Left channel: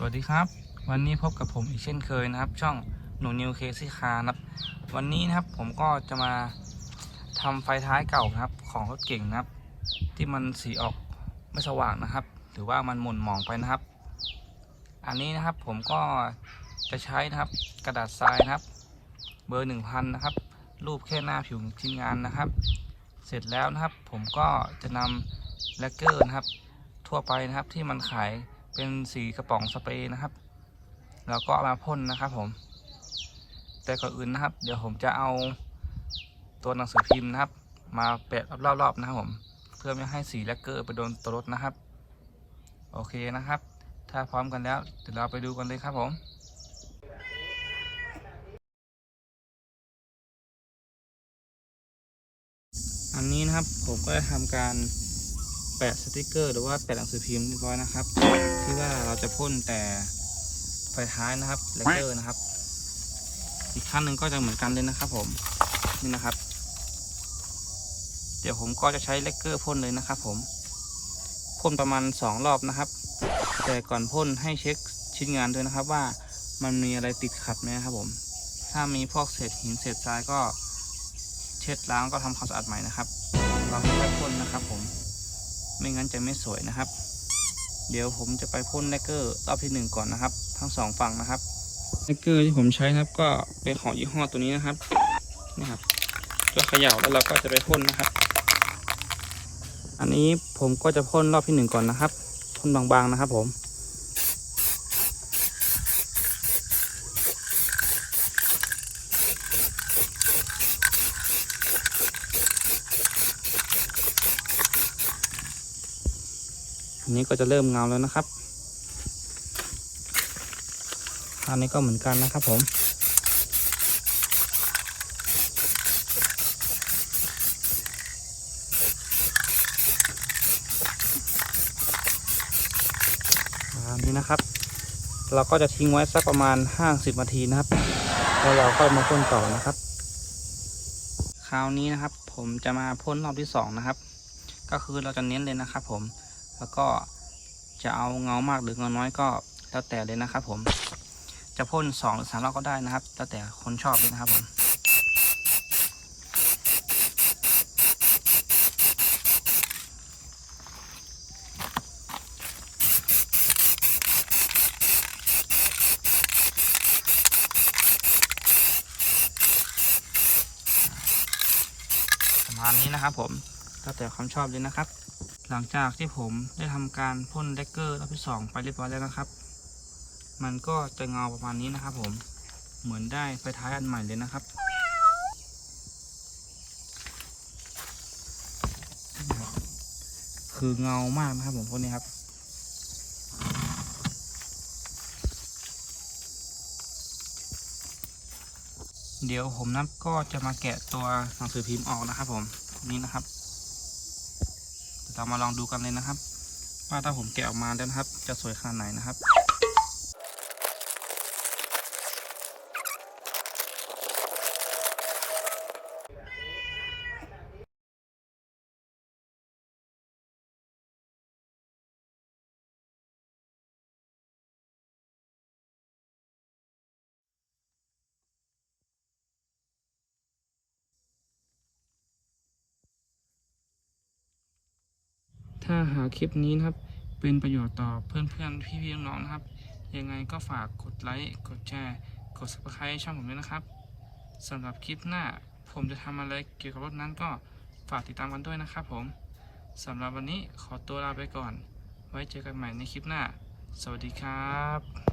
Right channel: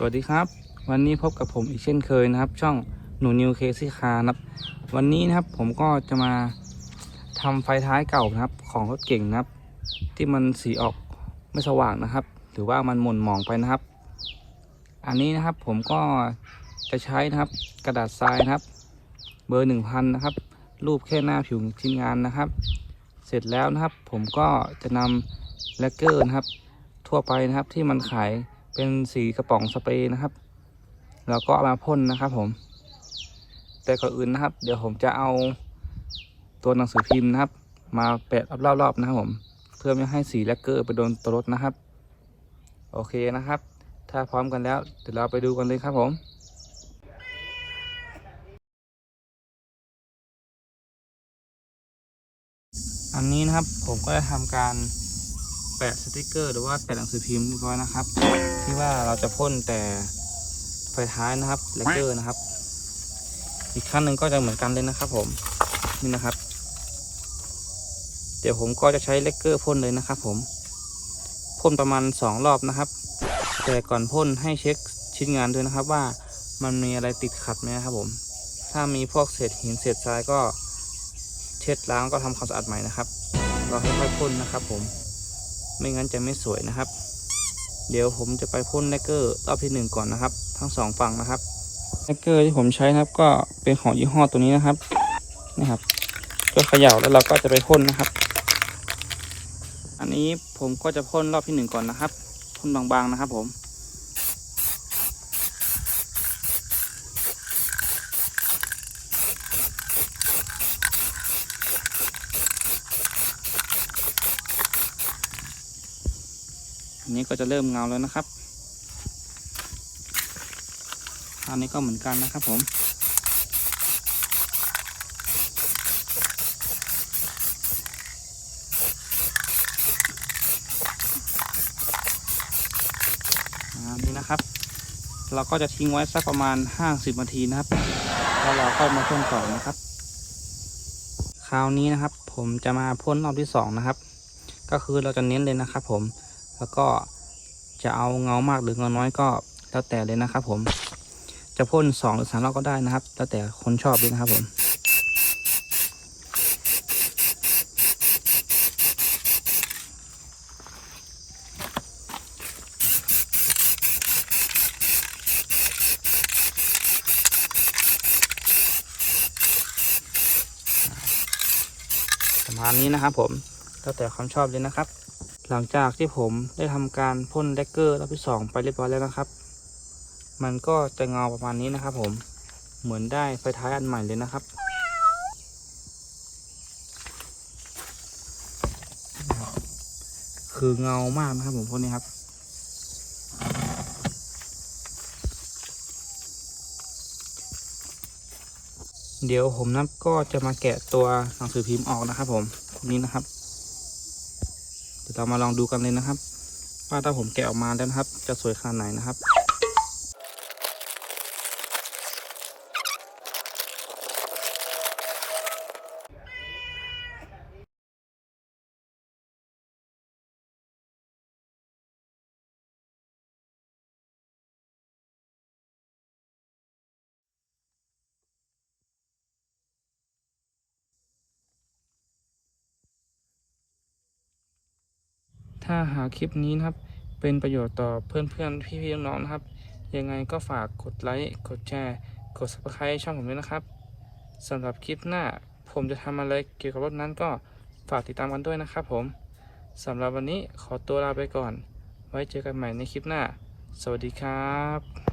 สวัสดีครับ วันนี้พบกับผมอีกเช่นเคยนะครับ ช่องหนูนิวเคซี่คาร์นะครับวันนี้นะครับผมก็จะมาทำไฟท้ายเก่านะครับ ของรถเก่งนะครับ ที่มันสีออกไม่สว่างนะครับ หรือว่ามันหม่นหมองไปนะครับ อันนี้นะครับผมก็จะใช้นะครับกระดาษทรายนะครับ เบอร์หนึ่งพันนะครับ รูปแค่หน้าผิวชิ้นงานนะครับ เสร็จแล้วนะครับ ผมก็จะนำแลกเกอร์นะครับ ทั่วไปนะครับที่มันขาย เป็นสีกระป๋องสเปรย์นะครับ แล้วก็มาพ่นนะครับผม แต่ก่อนอื่นนะครับ เดี๋ยวผมจะเอาตัวหนังสือพิมพ์นะครับ มาแปะรอบๆนะครับผม เพื่อไม่ให้สีแลกเกอร์ไปโดนตัวรถนะครับ โอเคนะครับ ถ้าพร้อมกันแล้วเดี๋ยวเราไปดูกันเลยครับผมอันนี้นะครับผมก็จะทำการ แปะสติกเกอร์หรือว่าแปะหนังสือพิมพ์เรียบร้อยนะครับ ที่ว่าเราจะพ่นแต่ไฟท้ายนะครับแลกเกอร์นะครับ อีกขั้นหนึ่งก็จะเหมือนกันเลยนะครับผมนี่นะครับ เดี๋ยวผมก็จะใช้เลกเกอร์พ่นเลยนะครับผมพ่นประมาณสองรอบนะครับ แต่ก่อนพ่นให้เช็คชิ้นงานด้วยนะครับว่ามันมีอะไรติดขัดไหมครับผม ถ้ามีพวกเศษหินเศษทรายก็เช็ดล้างก็ทำความสะอาดใหม่นะครับเราให้ไม่พ่นนะครับผม ไม่งั้นจะไม่สวยนะครับ เดี๋ยวผมจะไปพ่นแลกเกอร์รอบที่หนึ่งก่อนนะครับ ทั้งสองฝั่งนะครับแลกเกอร์ที่ผมใช้นะครับ ก็เป็นของยี่ห้อตัวนี้นะครับนี่ครับก็เขย่าแล้วเราก็จะไปพ่นนะครับ อันนี้ผมก็จะพ่นรอบที่หนึ่งก่อนนะครับพ่นบางๆนะครับผม อันนี้ก็จะเริ่มเงาแล้วนะครับอันนี้ก็เหมือนกันนะครับผมอ่านี่นะครับ เราก็จะทิ้งไว้สักประมาณ 50นาทีนะครับแล้วเราก็มาพ่นต่อนะครับ คราวนี้นะครับ ผมจะมาพ่นรอบที่สองนะครับ ก็คือเราจะเน้นเลยนะครับผม แล้วก็จะเอาเงามากหรือเงาน้อยก็แล้วแต่เลยนะครับ ผม จะพ่นสองหรือสามรอบก็ได้นะครับ แล้วแต่คนชอบเลยนะครับผมประมาณนี้นะครับผมแล้วแต่ความชอบเลยนะครับ หลังจากที่ผมได้ทำการพ่นแดกเกอร์รอบที่สองไปเรียบร้อยแล้วนะครับ มันก็จะเงาประมาณนี้นะครับ ผมเหมือนได้ไฟท้ายอันใหม่เลยนะครับ คือเงามากนะครับผมพวกนี้ครับเดี๋ยวผมนับก็จะมาแกะตัวหนังสือพิมพ์ออกนะครับผมนี่นะครับ เดี๋ยวเรามาลองดูกันเลยนะครับ ว่าถ้าผมแกะออกมาแล้วนะครับ จะสวยขนาดไหนนะครับ ถ้าหากคลิปนี้นะครับ เป็นประโยชน์ต่อเพื่อนๆ พี่ๆ น้องๆนะครับ ยังไงก็ฝากกดไลค์ กดแชร์ กด subscribe ช่องผมด้วยนะครับสำหรับคลิปหน้าผมจะทำอะไรเกี่ยวกับรถนั้นก็ฝากติดตามกันด้วยนะครับผมสำหรับวันนี้ขอตัวลาไปก่อน ไว้เจอกันใหม่ในคลิปหน้า สวัสดีครับ